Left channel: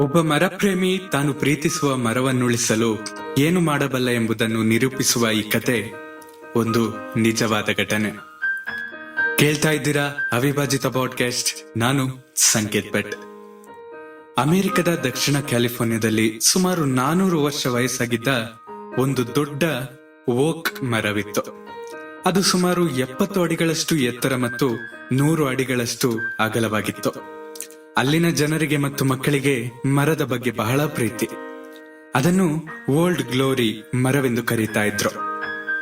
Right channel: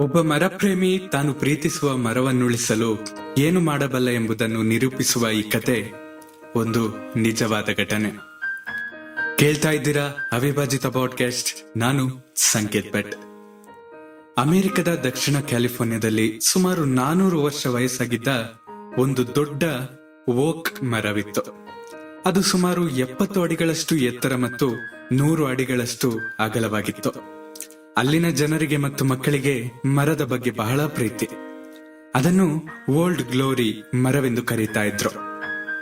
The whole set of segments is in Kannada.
ಒಬ್ಬ ಮರಪ್ರೇಮಿ ತಾನು ಪ್ರೀತಿಸುವ ಮರವನ್ನುಳಿಸಲು ಏನು ಮಾಡಬಲ್ಲ ಎಂಬುದನ್ನು ನಿರೂಪಿಸುವ ಈ ಕತೆ ಒಂದು ನಿಜವಾದ ಘಟನೆ. ಕೇಳ್ತಾ ಇದ್ದೀರಾ ಅವಿಭಾಜಿತ ಪಾಡ್ಕಾಸ್ಟ್ ನಾನು ಸಂಕೇತ್ ಭಟ್. ಅಮೆರಿಕದ ದಕ್ಷಿಣ ಕ್ಯಾಲಿಫೋರ್ನಿಯಾದಲ್ಲಿ ಸುಮಾರು ನಾನೂರು ವರ್ಷ ವಯಸ್ಸಾಗಿದ್ದ ಒಂದು ದೊಡ್ಡ ಓಕ್ ಮರವಿತ್ತು. ಅದು ಸುಮಾರು ಎಪ್ಪತ್ತು ಅಡಿಗಳಷ್ಟು ಎತ್ತರ ಮತ್ತು ನೂರು ಅಡಿಗಳಷ್ಟು ಅಗಲವಾಗಿತ್ತು. ಅಲ್ಲಿನ ಜನರಿಗೆ ಮತ್ತು ಮಕ್ಕಳಿಗೆ ಮರದ ಬಗ್ಗೆ ಬಹಳ ಪ್ರೀತಿ. ಅದನ್ನು ಓಲ್ಡ್ ಗ್ಲೋರಿ ಮರವೆಂದು ಕರೀತಾ ಇದ್ರು.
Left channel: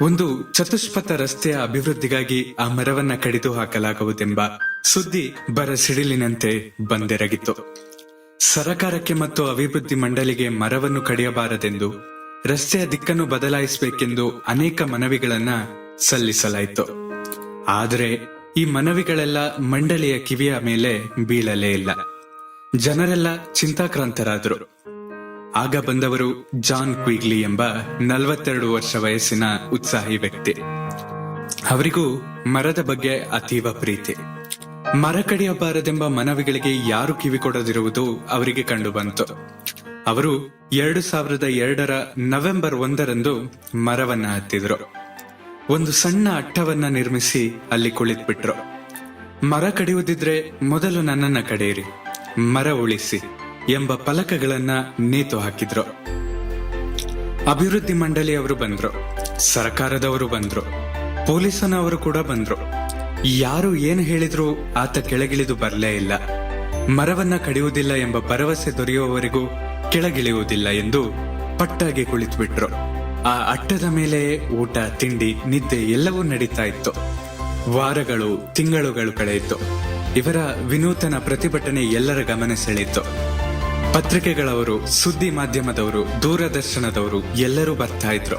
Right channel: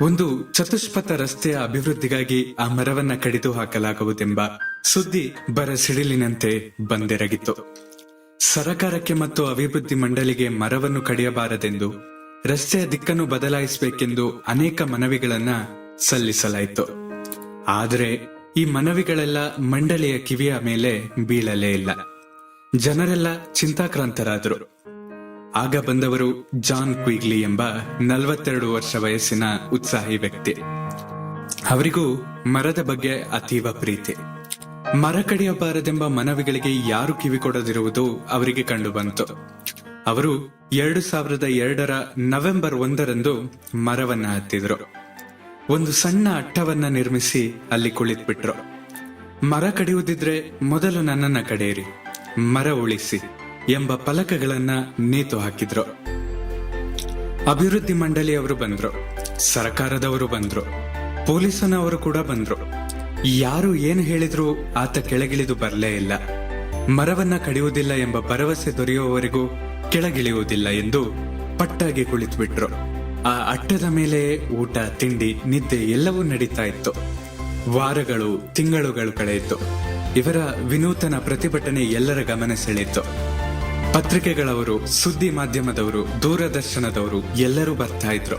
ಒಂದು ಚತುಷ್ಪಥ ರಸ್ತೆಯ ಅಭಿವೃದ್ಧಿಗಾಗಿ ಆ ಮರವನ್ನ ಕಡಿದು ಹಾಕಲಾಗುವುದೆಂಬ ಸುದ್ದಿ ಬರ ಸಿಡಿಲಿನಂತೆ ಬಂದೆರಗಿತ್ತು. ಸರಕಾರಕ್ಕೆ ಮತ್ತು ಅಭಿವೃದ್ಧಿ ಮಂಡಳಿಗೆ ಮರವನ್ನು ಕಡಿಯಬಾರದೆಂದು, ರಸ್ತೆಯ ದಿಕ್ಕನ್ನು ಬದಲಾಯಿಸಬೇಕೆಂದು ಅನೇಕ ಮನವಿಗಳನ್ನ ಸಲ್ಲಿಸಲಾಯಿತು. ಆದರೆ ಈ ಮನವಿಗಳೆಲ್ಲ ಮಂಡಳಿಯ ಕಿವಿಯ ಮೇಲೆ ಬೀಳಲೇ ಇಲ್ಲ. ಜನರೆಲ್ಲ ಚಿಂತಾಕ್ರಾಂತರಾದರು. ಆಗ ಬಂದವರು ಜಾನ್ ಕ್ವಿಗ್ಲಿ ಎಂಬ ನಲವತ್ತೆರಡು ವರ್ಷ ವಯಸ್ಸಿನ ಉತ್ಸಾಹಿ ವ್ಯಕ್ತಿ. ಅವರಿಗೂ ಮರದ ಬಗ್ಗೆ ಅತೀವ ಪ್ರೀತಿ. ಮರ ಕಡಿಯಬಾರದೆಂಬ ಮನವಿಗಳಿಗೆ ಯಾರು ಕಿವಿ ಕೊಡದಿರುವುದು ಅವರಿಗೆ ಕಂಡುಬಂತು. ಅವರು ಎರಡು ಸಾವಿರದ ಎರಡರ ನವೆಂಬರ್ ಒಂದರಂದು ಮರವನ್ನ ಹತ್ತಿದ್ರು. ಒಂದು ಸಣ್ಣ ಅಟ್ಟವನ್ನ ನಿರ್ಮಿಸಿ ಅಲ್ಲಿ ಕುಳಿತುಬಿಟ್ರು. ಮರ ಕಡಿಯುವುದಿದ್ರೆ ಮೊದಲು ನನ್ನನ್ನ ಕಡೆಯಿರಿ. ಮರ ಉಳಿಸಿ ಎಂಬ ಫಲಕಗಳನ್ನ ನೇತು ಹಾಕಿದ್ರು. ಅಭಿವೃದ್ಧಿ ಮಂಡಳಿಯವರು ಬಂದ್ರು, ಸರ್ಕಾರದವರು ಬಂದ್ರು, ಪೊಲೀಸನವರು ಕೂಡ ಬಂದ್ರು. ಯಾರು ಏನು ಹೇಳಿದ್ರು ಆತ ಕೆಳಗಿಳಿದು ಬರಲೇ ಇಲ್ಲ. ಮರವನ್ನ ಕಡಿಯುವುದಿಲ್ಲ ಎಂಬ ಭರವಸೆ ದೊರೆಯುವವರೆಗೂ ಕೆಳಗಿಳಿಯುವುದಿಲ್ಲ ಎಂದು ಪಟ್ಟಾಗಿ ಕುಳಿತುಬಿಟ್ರು. ಆ ಅಟ್ಟದ ಮೇಲೆ ಊಟ, ತಿಂಡಿ, ನಿದ್ದೆ ಎಲ್ಲವೂ ನಡೀತಾ ಇತ್ತು. ವಾರಗಳು, ತಿಂಗಳುಗಳು ಕಳೆಯಿತು. ಇವರ ವಿನೂತನ ಪ್ರತಿಭಟನೆ ಎಲ್ಲರ ಗಮನ ಸೆಳೆಯಿತು. ಪತ್ರಿಕೆಗಳವರು, ಸುದ್ದಿ ಮಾಧ್ಯಮದವರು, ದೂರದರ್ಶನದವರು ಎಲ್ಲರೂ ಬರ್ತಾ ಇದ್ರು.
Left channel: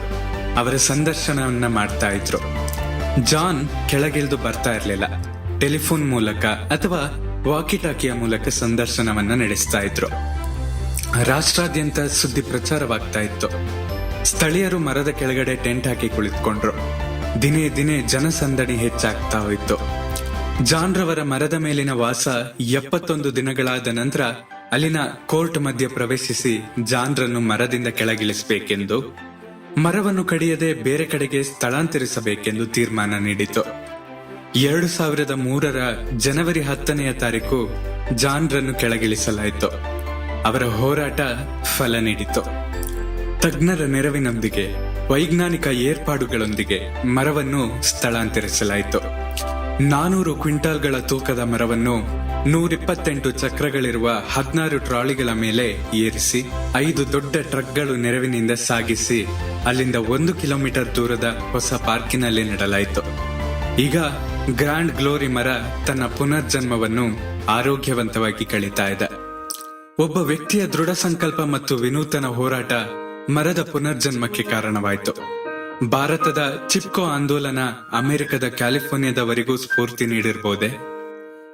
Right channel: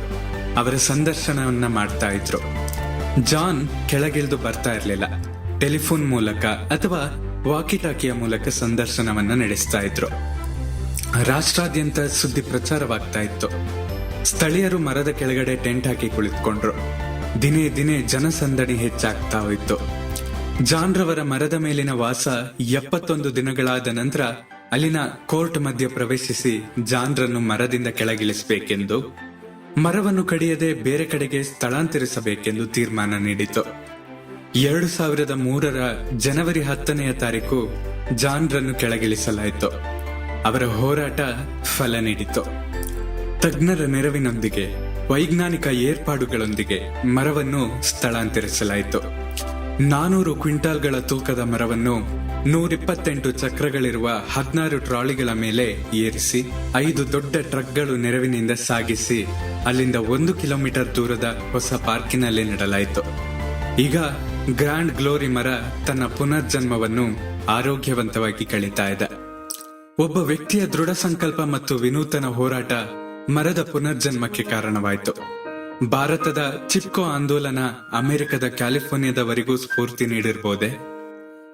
ಅವರ ಸಂದರ್ಶನವನ್ನ ಮಾಡ್ತಾ ಇದ್ರು. ಜಾನ್ ಕೆಳಗಿಳಿದು ಬರ್ತಾ ಇರಲಿಲ್ಲ. ಟೆಲಿಫೋನ್ ಮೂಲಕ ಅಥವಾ ವಾಕಿಟಾಕಿಯ ಮೂಲಕ ಸಂದರ್ಶನವನ್ನ ನಡೆಸ್ತಾ ಇದ್ರು. ರಾಷ್ಟ್ರಾದ್ಯಂತ ಸುದ್ದಿ ಪ್ರಚಾರವಾಗ್ತಾ ಇತ್ತು. ಸ್ಥಳೀಯರು ಮರದ ಕೆಳಗಡೆ ಟೆಂಟ್ ಹಾಕಿ ಕುಳಿತುಕೊಂಡ್ರು. ದಿನೇ ದಿನೇ ಜನಸಂದಣಿ ಹೆಚ್ಚಾಗ್ತಾ ಹೋಯಿತು. ಜಾನ್ ರವರ ಮರದ ಮೇಲಿನ ವಾಸ ಎಪ್ಪತ್ತೊಂದು ದಿನಗಳಾದ ನಂತರ ಅಲ್ಲಿನ ಕೋರ್ಟ್ ಮಧ್ಯೆ ಪ್ರವೇಶಿಸಿ ಜಾನ್ರನ್ನು ಮರದಿಂದ ಕೆಳಗಿಳಿಸಬೇಕೆಂದು, ಮರವನ್ನು ಕಡಿಯದೆ ಬೇರೆ ಕಡೆಗೆ ಸ್ಥಳಾಂತರಿಸಬೇಕೆಂದು ತೀರ್ಮಾನ ನೀಡಿತು. ಎರಡು ಸಾವಿರದ ಮೂರರ ಜನವರಿ ಹತ್ತನೆಯ ತಾರೀಕು ಜಾನ್ರನ್ನು ಕೆಳಗಿಳಿಸಲಾಯಿತು. ಅವರ ಹೋರಾಟ ಫಲ ನೀಡಿತು. ತಜ್ಞರ ನೆರವಿನೊಂದಿಗೆ ವೈಜ್ಞಾನಿಕ ಏರ್ಪಾಡುಗಳೊಂದಿಗೆ ಮರವನ್ನು ಸ್ಥಳಾಂತರಿಸಲಾಯಿತು. ನಾನೂರು ಕ್ವಿಂಟಾಲ್ಗಳ ತೂಕದ ಮರವನ್ನು ನೂರಿಪ್ಪತ್ತೆಂಟು ಚಕ್ರಗಳಿರುವ ಹದಿನಾರು ಟ್ರಾಲಿಗಳ ಮೇಲೆ ಏರಿಸಿ, ಐದು ದೊಡ್ಡ ಟ್ರಕ್ಗಳು ನೆರವಿನಿಂದ ಸಾಗಿಸಿ, ಅಲ್ಲಿಂದ ಒಂದು ಕಿಲೋಮೀಟರ್ ದೂರದ ಹೊಸ ಪಾರ್ಕಿನಲ್ಲಿ ನೆಡಲಾಯಿತು. ಈಗ ಗ್ರ್ಯಾಂಡ್ ಗ್ಲೋರಿ ಮರ ತನ್ನ ಪುನರ್ಜನ್ಮವನ್ನು ಆರೋಗ್ಯವಂತವಾಗಿ ಕಳೀತಾ ಇದೆ. ಒಬ್ಬ ವ್ಯಕ್ತಿಯ ದೃಢ ಸಂಕಲ್ಪ ಮತ್ತು ವಿನೂತನ ಹೋರಾಟ ಮರದ ಪುನರ್ಜನ್ಮಕ್ಕೆ ಕಾರಣವಾಯಿತು. ಭಾರತದ ಚಿಪ್ಕೋ ಆಂದೋಲನ ಅಮೆರಿಕದ ಕ್ಯಾಲಿಫೋರ್ನಿಯಾದವರೆಗೂ ಸ್ಫೂರ್ತಿ ನೀಡಿರ್ಬೋದೆ?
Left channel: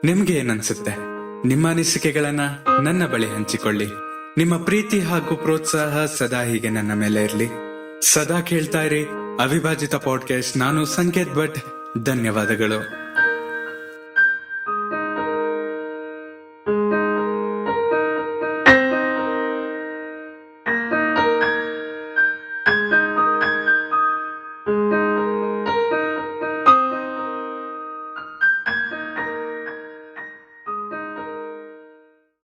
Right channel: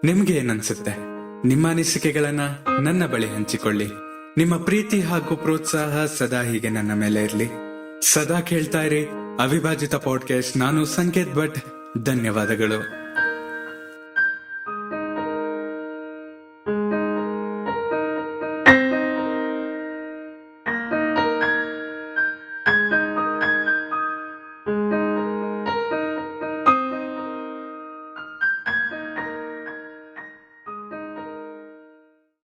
ನಿಮ್ಗೆ ಏನನ್ಸುತ್ತೆ? ನಿಮ್ಮ ಅನಿಸಿಕೆಗಳನ್ನ ನನ್ನ ಬಳಿ ಹಂಚಿಕೊಳ್ಳಿ. ನಿಮ್ಮ ಪ್ರೀತಿ ಹಾಗೂ ಪ್ರೋತ್ಸಾಹ ಸದಾ ಹೀಗೆ ನನ್ನ ಮೇಲೆ ಇರಲಿ. ಸದಾ ಕೇಳ್ತಾ ಇರಿ ಅವಿಭಾಜಿತ ಪಾಡ್ಕಾಸ್ಟ್ ನಾನು ಸಂಕೇತ್ ಭಟ್. ಧನ್ಯವಾದಗಳು.